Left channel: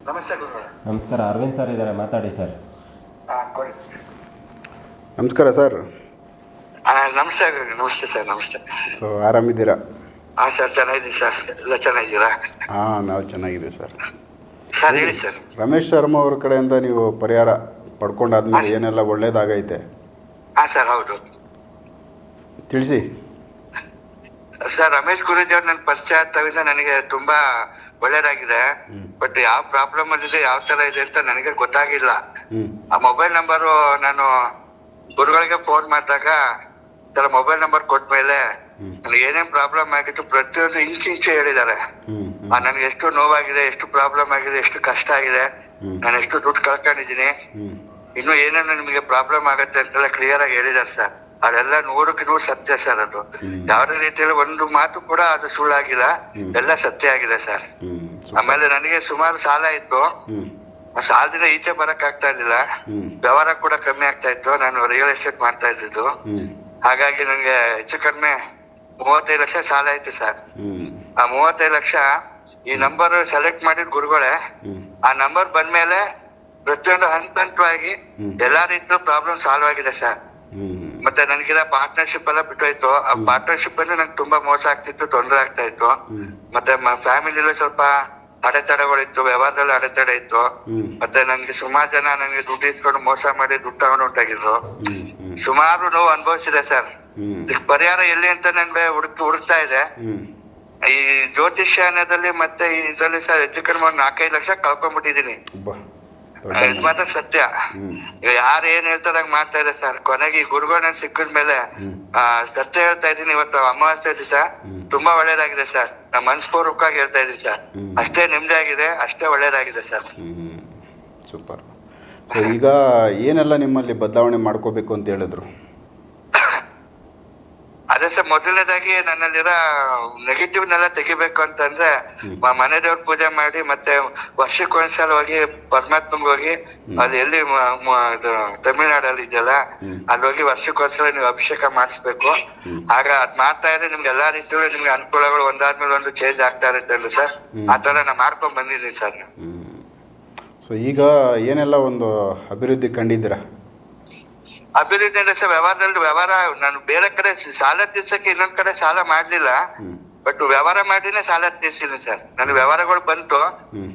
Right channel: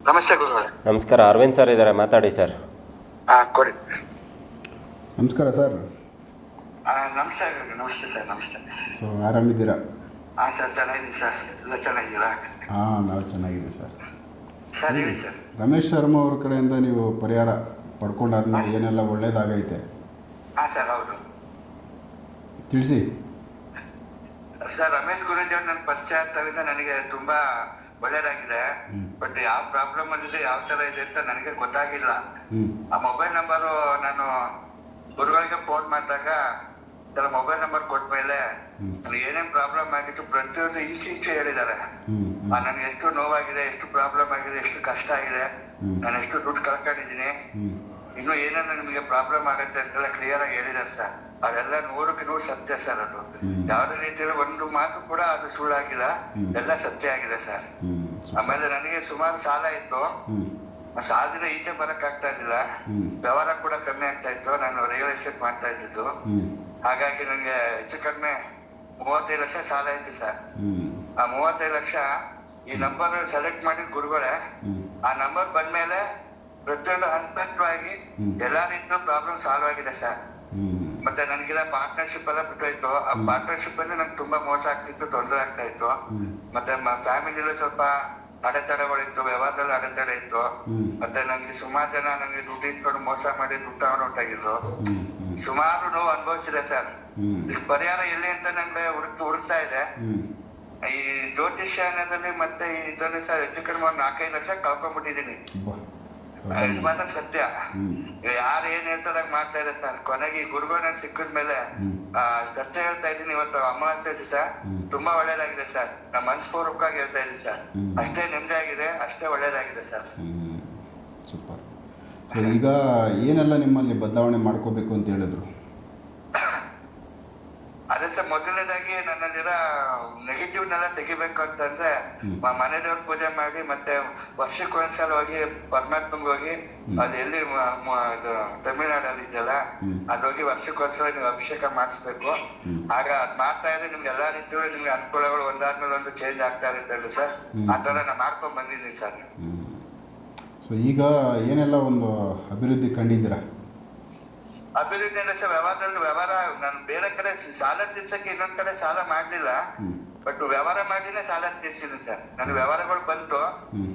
ನಮಸ್ತೆ ಗುರುಗಳೇ. ನಮಸ್ಕಾರ ಅರವಿಂದ್ ಸರ್ ಇದ್ದಾರೆ ಮಾತಾಡಿ ಸರ್. ಹಾ ಕೊಡಿ. ನಮಸ್ಕಾರ ಸರ್. ಆ, ನಮಸ್ತೆ ಗುರುಗಳೇ. ನಮಸ್ತೆ ಸರ್ ನಮಸ್ತೆ. ಸೊ ಆರಾಮಿದ್ದೀರಾ? ಹಾ ಸರ್ ಚೆನ್ನಾಗಿದ್ದೀನಿ ಸರ್. ಎಲ್ಲ ಚೆನ್ನಾಗಿದ್ದೀರಾ? ಹಾಂ ನಾವು ಚೆನ್ನಾಗಿದ್ದೀವಿ ಸರ್. ಸರ್ ಹೇಳಿ ಸರ್. ರಮೇಶ್ ಶರ್ಮಾ ಅವ್ರ ಕಡೆಯಿಂದ ನೀವು ಪರಿಹಾರ ಪಡ್ಕೊಂಡಾದ್ಮೇಲೆ ಏನೆಲ್ಲ ಒಳ್ಳೇದಾಗೈತೆ? ಹಾ ಸರ್ ಹೌದು. ತಿಳಿಸಿ. ಸರ್ ರಮೇಶ್ ಗುರುಜಿ ಅವ್ರು ನನ್ನ ಪರಿಚಯ ತವಿದ ನನಗೆ ತುಂಬಾ ಒಳ್ಳೇದಾಗಿದೆ. ಬಟ್ ಯಾವ ಪ್ರಾಬ್ಲಮ್ ಅಲ್ಲಿದೆ ಯಾವ ತರ ಇದೆ ಅಂತ ನನಗೆ ಗೊತ್ತಾಗಿಲ್ಲ. ಆ ಮೊಬೈಲ್ ನಂಬರು ನಾನು ಗುರುಗಳಿಗೆ ಫೋನ್ ಮಾಡಿದಾಗ ತರ ಮೊಬೈಲ್ ನಂಬರ್ ಕೊಟ್ಮೇಲೆ ಮೇಲೆ ನನಗೆ ಏನೇನ್ ಪ್ರಾಬ್ಲಮ್ ಆಗಿತ್ತು ಪ್ರತಿಯೊಂದು ಇಂಚು ಇಂಚು ಹೇಳಿದ್ದಾರೆ. ನನಗೆ ಎಷ್ಟು ನೋವಾಗಿದೆ ಎಷ್ಟು ಪ್ರಾಬ್ಲಮ್ ಆಗಿದೆ ಎಷ್ಟು ಕಷ್ಟ ಆಗಿದೆ. ನಾನು ಎಷ್ಟು ದುಡ್ಡು ಕಳ್ಕೊಂಡಿದ್ದೀನಿ. ಇನ್ನು ಏನೇನು ನಿಮಗೆ ಪ್ರಾಬ್ಲಮ್ ಆಗುತ್ತೆ ಅಂತೆಲ್ಲ ಕ್ಲಿಯರ್ ಆಗಿ ಹೇಳಿದಾರೆ ಸರ್. ಅದೆಲ್ಲ ನೂರಕ್ಕೆ ನೂರು ಸತ್ಯ ಸರ್ ಅದು. ಯಾವುದೇ ರೀತಿಯಲ್ಲಿ ಒಂದು ಮಾತು ಕೂಡ ಅದು ಸುಳ್ಳಾಗಿಲ್ಲ. ಎಲ್ಲ ಸತ್ಯ ಆಗಿದೆ ಸರ್. ಆಮೇಲೆ ನನಗೆ ಸುಮಾರು ಸಾಲ ಇತ್ತು. ಸಾಲದಿಂದ ಈಚೆ ಬರಕ್ ಆಗ್ತಾ ಇರ್ಲಿಲ್ಲ. ವ್ಯವಹಾರ ಕೂಡ ಕಮ್ಮಿ ಆಗ್ತಾ ಇತ್ತು. ನಾನು ರಿಯಲ್ ಎಸ್ಟೇಟ್ ಮಾಡ್ತಾ ಇದ್ದಿದ್ದು. ಹಾಗಾಗಿ ನನಗೆ ಹೆಚ್ಚು ಕಡಿಮೆ ಮೂವತ್ತೈದು ಲಕ್ಷ ಸಾಲ ಆಯ್ತು ಸರ್. ಆ ಮೂವತ್ತೈದು ಲಕ್ಷ ಈ ನಂಬರ್ ಸೆಲೆಕ್ಟ್ ಮಾಡಿದ ಗುರುಗಳೇ ಆ ನಂಬರ್ ಬಂದ್ಮೇಲೆ ಪ್ರತಿಯೊಂದು ಹಂತ ಹಂತವಾಗಿ. ಎಲ್ಲಾ ರೀತಿಯ ಪ್ರಾಬ್ಲಮ್ ಸಾಲ್ವ್ ಆಗಿದೆ ಸರ್. ಮತ್ತೆ ನನಗೆಲ್ಲ ಪಾರ್ಟ್ನರ್ಶಿಪ್ ಎಲ್ಲ ಬಿಟ್ಟೋಯ್ತು. ಆ ಪಾರ್ಟ್ನರ್ಶಿಪ್ ಅಲ್ಲಿ ನಂಗೆ ತುಂಬಾ ಮೋಸ ಆಗ್ತಿತ್ತು ತೊಂದರೆ ಆಗ್ತಾ ಇತ್ತು. ಮತ್ತೆ ಫ್ಯಾಮಿಲಿ ಸ್ವಲ್ಪ ಅಡೆತಡೆಗಳಿತ್ತು ವ್ಯವಹಾರದಲ್ಲಿ ಅಡೆತಡೆ ಇತ್ತು. ಮತ್ತೆ ನಂಗೆ ಸುಮಾರ್ ಜನ ನಂಗೆ ದುಡ್ಡು ಇಸ್ಕೊಂಡು ಮೋಸ ಮಾಡಿ ದುಡ್ಡು ತಗೊಂಡು ಹೊಂಟಾಗಿದ್ರು ಸುಮಾರು ನೋವು ಅನುಭವಿಸಿದೆ ಸರ್. ಇದಕ್ಕೆ ಪರಿಹಾರ ಎಲ್ಲಿ ಅಂತ ನನ್ಗೆ ಹುಡುಕ್ ಹುಡುಕ್ತಾ ಇದೆ ಈ ಜ್ಯೋತಿಷ್ಯಾನದಲ್ಲಿ ಮತ್ತೆ ಇದರಲ್ಲಿ ಸರ್ ಹೆಚ್ಚು ಕಡಿಮೆ ಒಂದ್ ನಾಲ್ಕೈದು ಲಕ್ಷ ಕಳ್ಕೊಂಡ್ಬಿಟ್ಟಿದೀನಿ ಇದು ಮಾತ್ರ ಸತ್ಯ. ಯಾರು ಏನ್ ಹೇಳ್ತಾರಂಗ್ ಮಾಡ್ತಾ ಇದೆ ಸರ್. ಕೊನೆಗೆ ಈ ಗುರುಗಳನ್ನ ಸಿಕ್ಕಿದ ಮೇಲೆ ಆ, ಸತ್ಯ ಹೇಳ್ತಾ ಇದೀನಿ ಇವತ್ತು ಅಮಾವಾಸ್ಯೆ ದಿವಸ. ತುಂಬಾ ಒಳ್ಳೇದಾಗಿದೆ ಸರ್. ನಾ ಮನಸ್ಪೂರ್ವಕವಾಗಿ ಹೇಳ್ತಾ ಇದೀನಿ ಸರ್. ಅಷ್ಟೇ ನೆಮ್ಮದಿ ಆಗಿದೆ ಅಷ್ಟೇ ಒಳ್ಳೇದಾಗಿದೆ ಸರ್. ಸೂಪರ್. ಈಗ ಏನೆಲ್ಲ ನಿಮ್ಮಲ್ಲಿ ಬದಲಾವಣೆ ಮಾಡ್ಕೋಬೇಕು ಅಂತ ಹೇಳಿದ್ರು? ಸರ್ ಮೊದಲನೇದಾಗಿ ನನ್ನಲ್ಲಿರೋ ನೆಗೆಟಿವ್ನೆಲ್ಲ ತೆಗಿಬೇಕು ಅಂತಂದ್ರೆ ಮನೆ ದೇವ್ರ ಪೂಜೆ ಮಾಡಿ ಮತ್ತೆ ವರ್ಷಕ್ಕೆ ಒಂದ್ಸಲ ಹೋಗಿ ಪರಮಾತ್ಮಂಗ್ ಹೋಗಿ ಅಲ್ಲಿ ಎಲ್ಲಿ ತಮಿಳ್ನಾಡಲ್ಲಿ ಇದೆಯಲ್ಲ. ಅಲ್ಲಿ ಹೋಗಿ ವರ್ಷಕ್ಕೊಂದ್ಸಲ ನೀವು ಅಭಿಷೇಕ ಮಾಡಿಸ್ಬೇಕು. ಆಗ ಅದ್ ಮಾಡ್ತಾ ಇದ್ರೆ ನಿಮ್ಗೆ ಎಲ್ಲಾ ರೀತಿಯಲ್ಲೂ ನಿಮ್ಗೆ ಅನುಕೂಲಗಳು ಒಂದಾದ್ಮೇಲೆ ಒಂದು ಚೇಂಜ್ ಆಗ್ತಾ ಇರುತ್ತೆ ಅಲ್ಲ ಸರ್? ಆತರ ಆ ತರ ನಾ ಮಾಡ್ಕೊಂಡ್ ಬಂದಿದ್ದೀನಿ ಸರ್. ಸೊ ಈಗ ಏನೆಲ್ಲ ಒಂದು ಅಭಿವೃದ್ಧಿ ಕಂಡಿದ್ದೀರಾ? ಅಭಿವೃದ್ಧಿ ಅಂದ್ರೆ ಸರ್ ವ್ಯವಹಾರದಲ್ಲಿ ವ್ಯವಹಾರ ನಾನು ಬೇರೆ ಕಡೆ ಸಾಲ ತೀರ್ಸಕ್ಕೆ ಇನ್ನೊಂದ್ ಕಡೆ ಸಾಲ ಮಾಡ್ಲಿಲ್ಲ. ಬಟ್ ವ್ಯವಹಾರ ಮಾಡಿನೇ ಸಾಲ ತೀರ್ಸಿಲ್ಲ ಸರ್ ನನ್ ವ್ಯವಹಾರಗಳು ಬಂತು.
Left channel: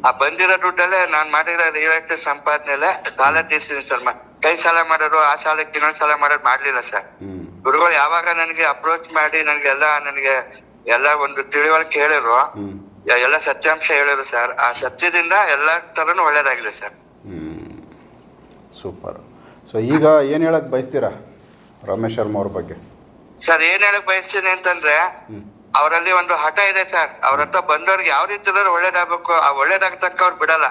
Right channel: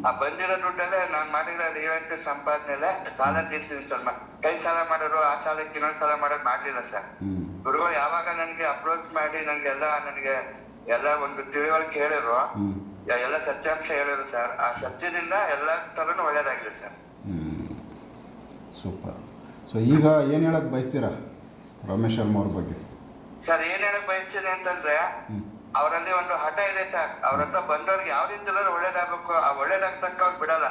ಆ ಬಂದಿರೋ ದುಡ್ಡಲ್ಲೇ ನಾನ್ ಮಾಡಿರೋ ರಿಯಲ್ ಎಸ್ಟೇಟ್ ಸಂಪಾದನೆಲೆ ಸಾಲ ತೀರ್ಸಿನಿ ಸರ್ ಕೈ ಸಾಲ ಮಾಡೋರು ಆ ಸಾಲಕ್ಕೆ ಇನ್ನೊಂದ್ ಸಾಲ ಮಾಡೋದು ಮಾಡ್ಲಿಲ್ಲ ಸರ್ ಗುರುಗಳು ಯಾವಾಗ ನನಗೆ ಅಪ್ರೋಚ್ ಮಾಡಿ ನನಗೆಲ್ಲ ನನಗೆ ಎಲ್ಲ ಒಂದು ತಿಳುವಳಿಕೆ ಹೇಳಿರು ಎಲ್ಲ ಸತ್ಯಾಂಶ ಹೇಳಿರು ಸರ್ ಆ ಸತ್ಯದಿಂದ ಎಲ್ಲಾ ತರನು ಒಳ್ಳೇದಾಗಿದೆ ಸರ್ ಸೂಪರ್. ಸೊ ಈಗ ಏನು ಹೇಳಕ್ ಬಯಸ್ತೀರಾ ರಮೇಶ್ ಶರ್ಮಾ ಅವ್ರ ಬಗ್ಗೆ? ಸರ್ ಏನ್ ಹೇಳಕ್ ಬಯಸ್ತೀನಿ ಅಂತಂದ್ರೆ ಅವರಲ್ಲಿ ಒಂದು ಹಠ ಇದೆ ಸರ್. ಅವ್ರ ಹತ್ರ ಬಂದವ್ರಿಗೆ ಯಾವ ರೀತಿ ಒಳ್ಳೇದಾಗಬೇಕು ಆ ಒಳ್ಳೇದಾಗ್ತಕ್ಕ ಅವ್ರು ಬಿಡಲ್ಲ.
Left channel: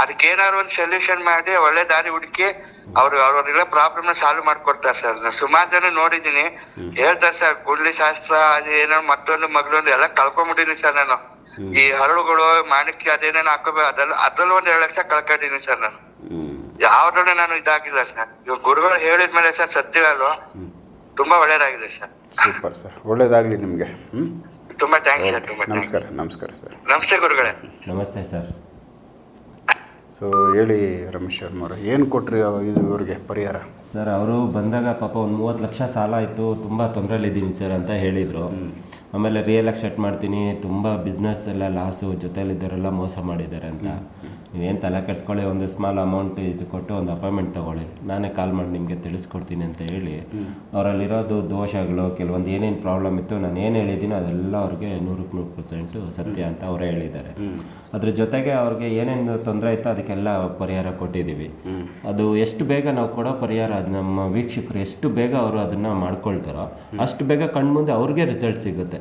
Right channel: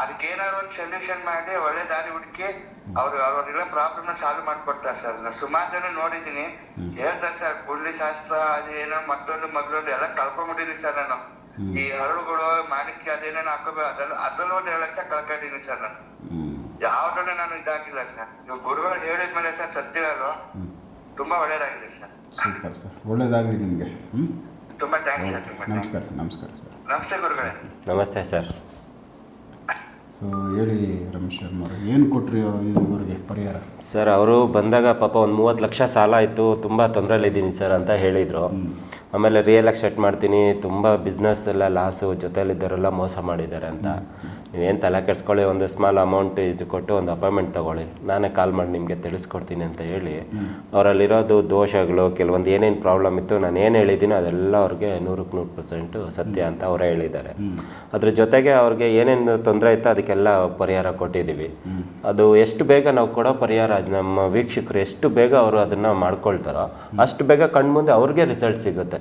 ಅದಕ್ಕೆ ಏನಾದ್ರು ಒಂದು ಸೊಲ್ಯೂಷನ್ ಮಾಡಿ ಒಳ್ಳೆ ದಾರಿ ಹುಡುಕಿ ಅವ್ರು ಅವ್ರಿಗೆಲ್ಲ ಪ್ರಾಬ್ಲಮ್ನ ಸಾಲ್ವ್ ಮಾಡ್ಕೊಡ್ತಾರೆ ಸರ್. ನಾನು ಸುಮಾರು ಜನ ನೋಡಿದೀನಿ ಹೇಳ್ತಾರೆ ಸರ್ ಗುಂಡ್ಲಿ ಶಾಸ್ತ್ರ ಅದು ಏನೋ ಮತ್ತೊಂದು ಮಗಳೊಂದು ಎಲ್ಲ ಕಳ್ಕೊಂಡ್ಬಿಟ್ಟಿದೀನಿ ಸರ್ ನಾನು. ಈ ಹರಳುಗಳು ಮಾಣಿಕ್ಯ ಅದೇನೇನು ಹಾಕೋಬೇಕು ಅದ್ರಲ್ಲಿ ಅದ್ರಲ್ಲಿ ಒಂದ್ ಎರಡು ಲಕ್ಷ ಕಳ್ಕೊಂಡಿದೀನಿ ಸರ್ ನಾನು. ಯಾವ್ದ್ರಲ್ಲೂ ನಾನು ಇದಾಗಿಲ್ಲ ಸರ್. ಇವಾಗ ಗುರುಗಳು ಹೇಳಿದ್ಮೇಲೆ ಸರ್ ಸತ್ಯವಲ್ವ ಹ್ಞೂ ತುಂಬಾ ಒಳ್ಳೇದಾಗಿದೆ ಸರ್. Super sir. ಒಳ್ಳೇದಾಗಲಿ ನಿಮಗೆ. ಹ್ಞೂ ತುಂಬಾ ಥ್ಯಾಂಕ್ಸ್ ಸರ್ ತುಂಬಾ ನಮಸ್ಕಾರ ನಮಸ್ಕಾರ ಸರ್. ನಮಸ್ತೆ ಗುರುಗಳೇ. ನಮಸ್ತೆ ಸರ್. ಸೊ ಹೇಳಿ ರಮೇಶ್ ಶರ್ಮಾ ಅವರು ಏನು ಕೊಟ್ರಿ ಅವ- ಇದು ಇವ್ರಿಗೆ ಪರಿಹಾರ? ಸರ್ ಅವರು ಬಂದಾಗ ಪಾಪ ಒಂದು ಮೂವತ್ತು ಲಕ್ಷ ಸಾಲ ಆಯಿತು ತುಂಬ ತೊಂದರೆಲಿದ್ದೀನಿ ಸರ್ ಅಂತ ಹೇಳಿದರು. ಆಮೇಲೆ ರಿಯಲ್ ಎಸ್ಟೇಟ್ ಮಾಡ್ತೀನಿ ತುಂಬ ಬಿಸ್ನೆಸ್ ಎಲ್ಲ ಲಾಸು ಜೊತೆಲಿದ್ದವರೆಲ್ಲ ಮೋಸ ಮಾಡಿದ್ದಾರೆ ಅಂತ. ನೀವೇನು ತಲೆ ಕೆಡಿಸ್ಕೊಳ್ಳಿ ಒಂದು ಸ್ಮಾಲ್ ಅಮೌಂಟ್ ಇದು ಕೊಟ್ಟು ಒಂದು ಅಪಾಯಿಂಟ್ಮೆಂಟ್ ತೊಗೊಳ್ಳಿ. ನಾನೇ ಕಾಲ್ ಮಾಡಿ ನಿಮಗೆ ತಿಳಿಸ್ಕೊಡ್ತೀನಿ ಅಂತ ಹೇಳಿ ಅವರಲ್ಲಿರೋದು ದೋಷಗಳು ಕೆಲವೊಂದು ಏನೇನು ಪ್ರಾಬ್ಲಮ್ ಇತ್ತು ನಾನು ಏನು ಹೇಳಿದ್ದೀನೋ ಅದೆಲ್ಲ ಅವ್ರಿಗೆ ನೂರಕ್ಕೆ ನೂರು ಪರ್ಸೆಂಟು ಸತ್ಯ ಅಂತ ಅವರೇ ಹೇಳಿದ್ದಾರೆ. ಅದ್ರ ಜೊತೆಗೆ ಅವ್ರಿಗೆ ಏನೇನು ತೊಂದರೆ ಇತ್ತು ಅದಕ್ಕೆಲ್ಲ ಪರಿಹಾರ ಕೊಟ್ಟಿದ್ದೀವಿ. ಅದು ಎಷ್ಟು ಬೇಗ ನಾವು ಕೊಡೋ ಪರಿಹಾರ ಅದು ನಮ್ಮ ವೀಕ್ಷಕರು ಎಷ್ಟು ಬೇಗ ಅವರು ಅದನ್ನು ಮಾಡ್ಕೊಳ್ತಾರೋ ಅಷ್ಟು ಬೇಗ ಕಣ್ಮುಂದೆ ಅವ್ರಿಗೆ ರಿಸಲ್ಟ್ ಸಿಗುತ್ತೆ.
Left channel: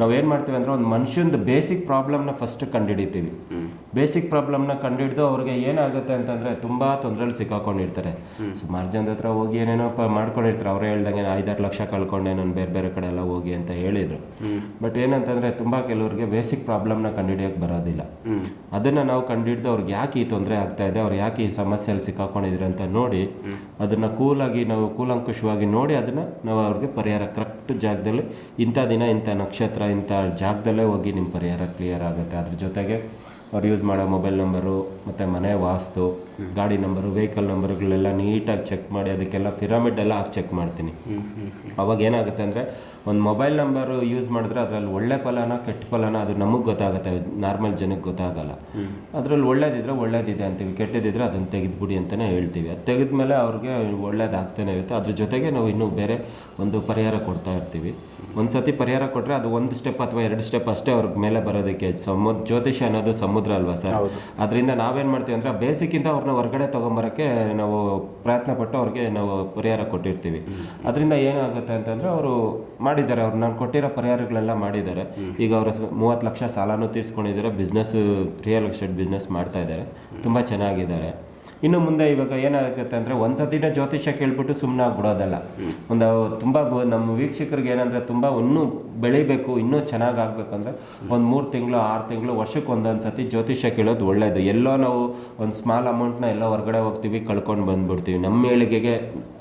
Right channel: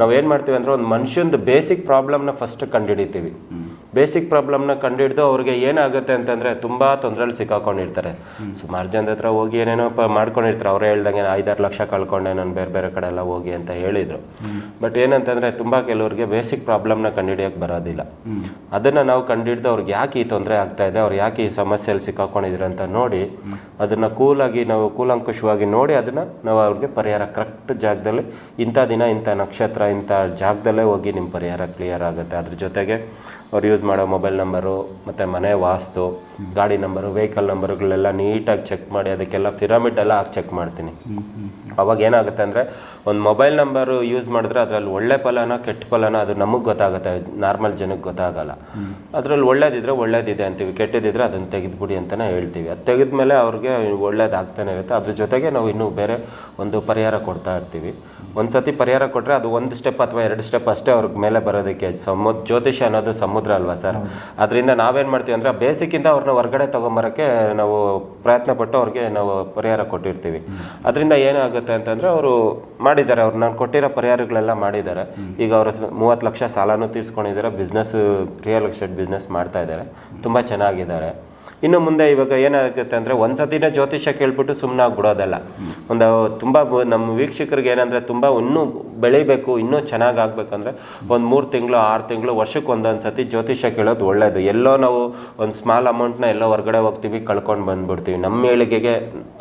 ನಾವೇನು ಮಾಡ್ತೀವಿ ಅಂದರೆ ಒಂದು ಮನುಷ್ಯಂದು ಬೇಸಿಕ್ ಪ್ರಾಬ್ಲಮ್ನ ಫಸ್ಟ್ ಕಂಡುಹಿಡಿತೀವಿ. ಬೇಸಿಕ್ ಪ್ರಾಬ್ಲಮ್ನ ಕಂಡುಹಿಡಿದು ಅವ್ರಿಗೆ ಏನಾಗುತ್ತೆ ಅಂತಂದರೆ ತುಂಬ ತೊಂದರೆಲಿ ಸಿಕ್ಕಾಕೊಂಡಿರ್ತಾರೆ. ಸುಮಾರು ಜನದ ಹತ್ರ ಹೋಗಿ ಏನೇನೋ ಪ ಮಾಡ್ಕೊಂಡಿರ್ತಾರೆ. ಅವರೇ ಹೇಳ್ದಂಗೆ ಐದಾರು ಲಕ್ಷ ಕಳ್ಕೊಂಡೆ ನಾನು ಬೇರೆ ಬೇರೆ ಕಡೆ ಎಲ್ಲ ಹೋಗಿ ಅಂತ ಹೇಳಿದರು. ಬಟ್ ಏನಂತಂದರೆ ತುಂಬ ಕೆಲವ್ರಿಗೆ ಬೇಸಿಕ್ ಪ್ರಾಬ್ಲಮ್ನ ಕಂಡುಹಿಡಿಯೋಕ್ಕೆ ಬರೋದಿಲ್ಲ. ಅದನ್ನು ನಾವು ಕಂಡುಹಿಡ್ದು ಅವ್ರಿಗೆ ಯಾಕೆ ಈ ತೊಂದರೆ ಆಗ್ತಾ ಇದೆ, ಅವ್ರು ಯಾಕೆ ಈ ಸಮಸ್ಯೆಯಲ್ಲಿ ಸಿಕ್ಕಾಕೊಂಡಿದ್ರು ಅಂತ ನೋಡಿ ಅದನ್ನು ಕೂಲಾಗಿ ನಾವು ಕೂಲಂಕುಷವಾಗಿ ನೋಡಿ ಅದನ್ನು ನಾವು ಅವ್ರಿಗೆ ಪರಿಹಾರ ಕರೆಕ್ಟ್ ಜಾಗದಲ್ಲಿ ಇಂಥ ದಿನ, ಇಂಥ ನಕ್ಷತ್ರ, ಇಂಥ ಜಾಗದಲ್ಲೇ ಹೋಗಿ ನಿಮ್ಮ ಪರಿಹಾರ ಕ್ಲಿಯರ್ ಆಗುತ್ತೆ. ಅದ್ರ ಜೊತೆಗೆ ಅವ್ರು ಯೂಸ್ ಮಾಡೋ ಮೊಬೈಲ್ ನಂಬರು ಮತ್ತು ಮನೆ ವಾಸ್ತು ಗಾಡಿ ನಂಬರು ವೆಹಿಕಲ್ ನಂಬರ್ಗಳೆಲ್ಲ ನೀಟಾಗಿ ಚೆಕ್ ಮಾಡಿ ಅದಕ್ಕೆಲ್ಲ ಪಿರಮಿಡ್ ಎಲ್ಲ ಹಾಕಿ ಚೆಕ್ ಮಾಡ್ತೀನಿ. ಅವಾಗ ಏನಾಗುತ್ತೆ ಅಂದರೆ ಒಂದು ಮೊಬೈಲ್ ನಂಬರು ಯೂಸ್ ಮಾಡಿದ್ರೆ ಅದರಲ್ಲಿ ಒಳ್ಳೆ ಫಲನ ಕೆಟ್ಟ ಫಲನ ಅದು ನಮಗೆ ಗೊತ್ತಾಗುತ್ತೆ ನಾರ್ಮಲ್ ಜನಕ್ಕೆ ಗೊತ್ತಾಗಲ್ಲ. ಅದರಲ್ಲಿ ಒಳ್ಳೇದಿದ್ರೆ ಒಳ್ಳೇದಿದೆ ಅಂತೀವಿ ಕೆಟ್ಟದಿದ್ರೆ ಅದನ್ನು ತೆಗೆದುಬಿಡಿ ಅಂತಲೇ ಹೇಳ್ತೀವಿ. ಅದು ತೆಗೆದ್ಮೇಲೆ ಅವ್ರಿಗೆ ಒಳ್ಳೇದಾಗ್ತಾನೆ ಇರುತ್ತೆ. ಅದ್ರ ಜೊತೆಗೆ ನಾವು ಇನ್ನೂ ಬೇರೆ ಒಂದು ಪರಿಹಾರ ಕೊಡ್ತಾ ಇರ್ತೀವಿ. ಒಂದು ಸತಿ ಪರಿಹಾರ ಕೊಟ್ಟರೆ ಅದು ಒಂದು ಸ್ಟೆಪ್ ಅಥವಾ ಎರಡು ಸ್ಟೆಪ್ ಅಷ್ಟೇ ಅವ್ರಿಗೆ ಮೇಲೆ ಬರೋದಕ್ಕೆ ಸಮುದ್ರ ಜ್ಯೋತಿಷ್ಯ ಅನ್ನೋದು ಸಮುದ್ರ ಅಲ್ವಾ ಸರ್? ಅದರಿಂದ ನಾವೇನು ಮಾಡ್ತೀವಿ ಅಂದರೆ ಬೇಸಿಕ್ಕಿಂತ ಅವ್ರನ್ನ ಹೊರಗಡೆ ತೊಗೊಂಬರೋಕ್ಕೆ ನಾವು ಪ್ರಯತ್ನ ಪಟ್ಟು ಅವ್ರಿಗೆ ನಾವು ಪರಿಹಾರ ಕೊಟ್ಟಿರ್ತೀವಿ. ಅದರಿಂದ ಏನಾಗುತ್ತೆ ಅಂತಂದರೆ ಅವರು ಮಾಡಿದ್ದಾರೆ, ಅವ್ರು ನಾನು ಕೊಟ್ಟಿರೋ ಪರಿಹಾರಗಳೆಲ್ಲ ಮಾಡಿದ್ದಾರೆ. ಈಗ ಅವರು ಮೂವತ್ತು ಲಕ್ಷ ಸಾಲನೂ ತೀರಿಸ್ಕೊಂಡಿದ್ದಾರೆ ಬಿಸ್ನೆಸ್ ರಿಯಲ್ ಎಸ್ಟೇಟ್ ಬಿಸ್ನೆಸ್ ಮಾಡ್ತಾ ಇದ್ದಾರೆ. ತುಂಬ ಚೆನ್ನಾಗಿದ್ದಾರೆ. ಇನ್ನು ಮುಂದೆ ಇವಾಗ ಏನಾಗುತ್ತೆ ಅಂದರೆ ಒಂದು ಸತಿನ ಜ್ಯೋತಿಷ್ಯ ಕೇಳ್ಬಿಟ್ಟು ಸುಮ್ಮನೆ ಆಗ್ಬಿಡೋದಲ್ಲ ಒಂದು ತುಂಬ ನಮ್ಮ ವೀಕ್ಷಕರಿಗೆ ಏನಂದರೆ ತುಂಬ ಇನ್ನೂ ಬೆಳಿಬೇಕು, ಇನ್ನೂ ಚೆನ್ನಾಗಿ ಆಗಬೇಕಂದ್ರೆ ಒಂದು ಮೂರು ತಿಂಗಳು, ಆರು ತಿಂಗಳು, ವರ್ಷಕ್ಕೆ ಒಂದೊಂದು ಸತಿ ಜ್ಯೋತಿಷ್ಯ ಕೇಳೋದು ಒಳ್ಳೆಯದು ಎಲ್ಲೋ ನಾವು ಒಂದು ಸ್ಮಾಲ್ ಅಮೌಂಟ್ನ ಎಲ್ಲೋ ಹೊರಗಡೆ ಹೋಗ್ತೀವಿ, ಕಳ್ಕೊಂಡು ಬಂದ್ಬಿಡ್ತೀವಿ. ನಮ್ಮ ಏಳಿಗೆಗೆ,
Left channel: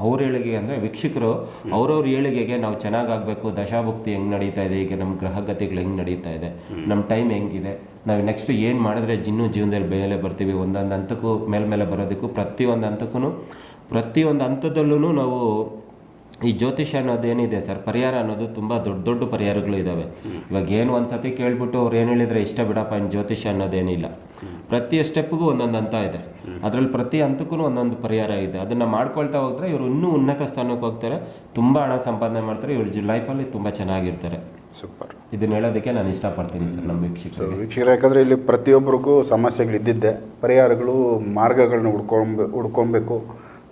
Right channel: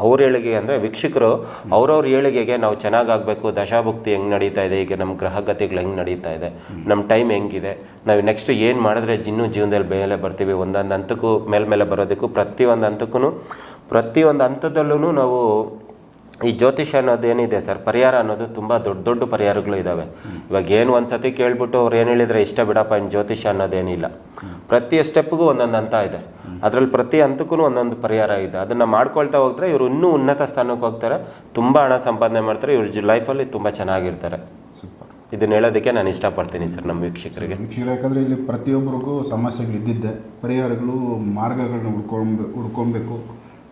ಅವ್ರ ಏಳಿಗೆ ಅಂದರೆ ವೀಕ್ಷಕರು ಅವ್ರವ್ರ ಏಳಿಗೆಗೆ ನಾವು ಚೆನ್ನಾಗಾಗಬೇಕು, ದಶಾಭುಕ್ತಿ ಹೆಂಗೆ ನಡೀತಾ ಇದೆ, ಈಗ ನಮ್ಮ ಗ್ರಹಗತಿಗಳು ಹೆಂಗೆ ನಡೀತಾ ಇದೆ, ನಮ್ಮ ಟೈಮ್ ಹೆಂಗಿದೆ, ನಾವು ನೆಕ್ಸ್ಟ್ ಏನು ಮಾಡಿದ್ರೆ ಇನ್ನೂ ಜೀವನದಲ್ಲಿ ಮೇಲೆ ಬರ್ತೀವಿ, ಒಂದೊಂದು ಹಂತಕ್ಕೂ ಮೇಲ್ಮೇಲೆ ಬರೋದಕ್ಕೂ ಪ್ರತಿಯೊಂದು ಹಂತಕ್ಕೂ ಪ್ರತಿಯೊಂದು ಹಂತದಲ್ಲೂ ನಾವು ಈ ಜ್ಯೋತಿಷ್ಯ ಅನ್ನೋದು ಏನಿದೆ ಸರ್, ಪರಿಹಾರ ಅನ್ನೋದು ತುಂಬ ದೊಡ್ಡ ದೊಡ್ಡ ಪರಿಹಾರಗಳು ಇದ್ದಾವೆ ಇವಾಗ ಏನು ಒಂದು ಸತಿ ಕೇಳ್ಬಿಟ್ಟು ಅವ್ರು ಏನು ಹೇಳಿದ್ರೆ ಇಷ್ಟ ಬಿಡಪ್ಪ ಇನ್ನು ಜ್ಯೋತಿಷ್ಯ ಅನ್ನೋದೇನಿಲ್ಲ. ಪ್ರತಿ ಸ್ಟೆಪ್ಗೂ ಒಂದೊಂದು ಹಂತ ಇದೆ. ಅದರಲ್ಲಿ ಪ್ರತಿ ಹಂತಕ್ಕೂ ಒಂದೊಂದು ಪರಿಹಾರ ಇದೆ. ಅದನ್ನು ಮಾಡ್ಕೊಳ್ತಾ ಹೋಗ್ತಾರೆ ಇವರು ಇನ್ನೂ ಉನ್ನತ ಸ್ಥಾನಕ್ಕೆ ಹೋಗ್ತಾರೆ, ತುಂಬ ಹಣ ಸಂಪಾದನೆ ಮಾಡ್ತಾರೆ, ಇವ್ರ ಲೈಫಲ್ಲಿ ತುಂಬ ಚೆನ್ನಾಗಿರ್ತಾರೆ. ಸೂಪರ್. ಇದನ್ನ ಹೇಳೋದಕ್ಕೆ ನಾನು ಇಷ್ಟಪಡ್ತೀನಿ ಸರ್ ನಮ್ಮ ವೀಕ್ಷಕರಿಗೆ. ವೀಕ್ಷಕರು, ಯಾಕಂದರೆ ಇಲ್ಲಿ ಪ್ರತಿಯೊಬ್ಬರಿಗೂ ಸಮಸ್ಯೆಗಳು ಇದ್ದಿದ್ದೆ ಪರಿಹಾರಗಳು, ಮಾರ್ಗಗಳನ್ನ ಹುಡ್ಕೊಂಬ, ಹುಡ್ಕೊಬೇಕು,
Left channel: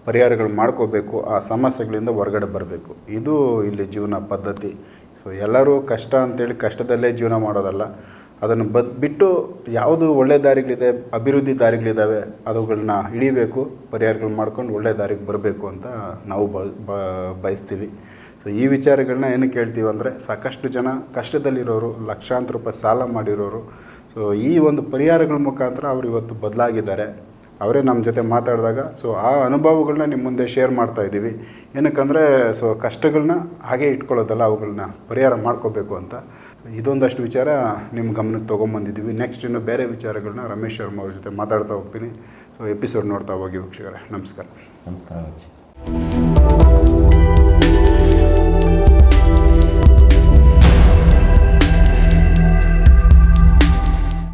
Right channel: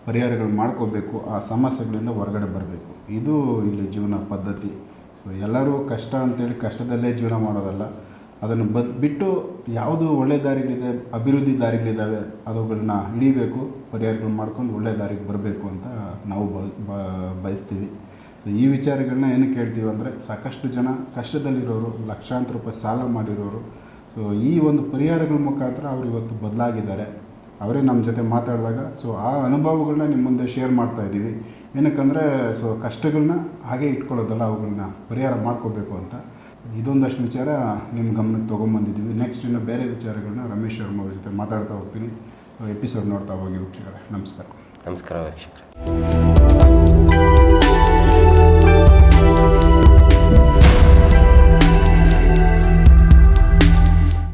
ಪರಿಹಾರಗಳು ಮಾಡ್ಕೋಬೇಕು, ಆ ಸಮಸ್ಯೆಗಳಿಂದ ಹೊರಗಡೆ ಬರಬೇಕು. ಇದು ಇಲ್ಲಿ ಜೀವನ ಪದ್ಧತಿ. ಸೊ ಎಲ್ಲರೂ ಕಷ್ಟ ಅಂತೇಳಿ ಕಷ್ಟದಲ್ಲೇ ಜೀವನ ಮಾಡೋದಲ್ಲ. ಅದನ್ನು ಬದ್, ಬಿಟ್ಟು ಯಾವುದು ಒಳ್ಳೆ ದಾರಿಗಳಿದೆ, ಅಭಿವೃದ್ಧಿ ದಾರಿಗಳಿದ್ದಾವೆ ಅವುಗಳನ್ನ ಹಿಡಿಬೇಕು ಪರಿಹಾರಗಳು ಮಾಡ್ಕೊಂಡು ಒಳ್ಳೆ ದಾರಿಗೆ ಬರಬೇಕು ಅಂತ ನಾವು ಬಯಸ್ತೀವಿ. ಸೊ ಈ ವಿಚಾರಗಳನ್ನ ಏನು ಕೇಳ್ತೀವಿ ಅಂದರೆ ಸಾಕಷ್ಟು ಜನ ಕಷ್ಟದಲ್ಲಿರೋರು, ಲಕ್ಷಾಂತರ ರೂಪಾಯಿ ಸಾಲ ಮಾಡಿರೋರು. ಸೊ ಈ ಒಂದು ಪರಿಹಾರಗಳ ಮುಖಾಂತರ ಅವರು ಇವತ್ತು ಬದಲಾಗಿದ್ದಾರೆ. ಅವರೇ ನಮ್ಮ ಜೊತೆ ಮಾತಾಡಿದಾಗ ಸೊ ಆ ಅನುಭವಗಳನ್ನ ನಿಮ್ಮ ಮುಂದೆ ಶೇರ್ ಮಾಡ್ತಾ ಇದ್ದೀವಿ. ಏನಕ್ಕಂದರೆ ಸೊ ಕಷ್ಟಗಳನ್ನ ಹಾಗೆ ಇಟ್ಕೊಳ್ಳೋದಲ್ಲ ಅವುಗಳನ್ನ ಪರಿಹಾರ ಮಾಡ್ಕೋಬೇಕು ಅಂತ. ಇದೊಂದಷ್ಟು ವಿಚಾರ ನಿಮ್ಮ ಗಮನಕ್ಕೆ ತೊಗೊಂಬಂದಿದ್ದೀವಿ. ನೆಕ್ಸ್ಟ್ ಇನ್ನು ಬೇರೆ ವಿಚಾರಗಳನ್ನ ರಮೇಶ್ ಶರ್ಮ ಅವ್ರ ಜೊತೆ ಮಾತಾಡ್ತಾ ಹೋಗ್ತೀನಿ. ಸೊ ಎಪಿಸೋಡ್ ನೋಡ್ತಾ ಹೋಗಿ ವೀಕ್ಷಕರೇ. ನಮಸ್ಕಾರ. ನಮಸ್ಕಾರ ವೀಕ್ಷಕರೇ.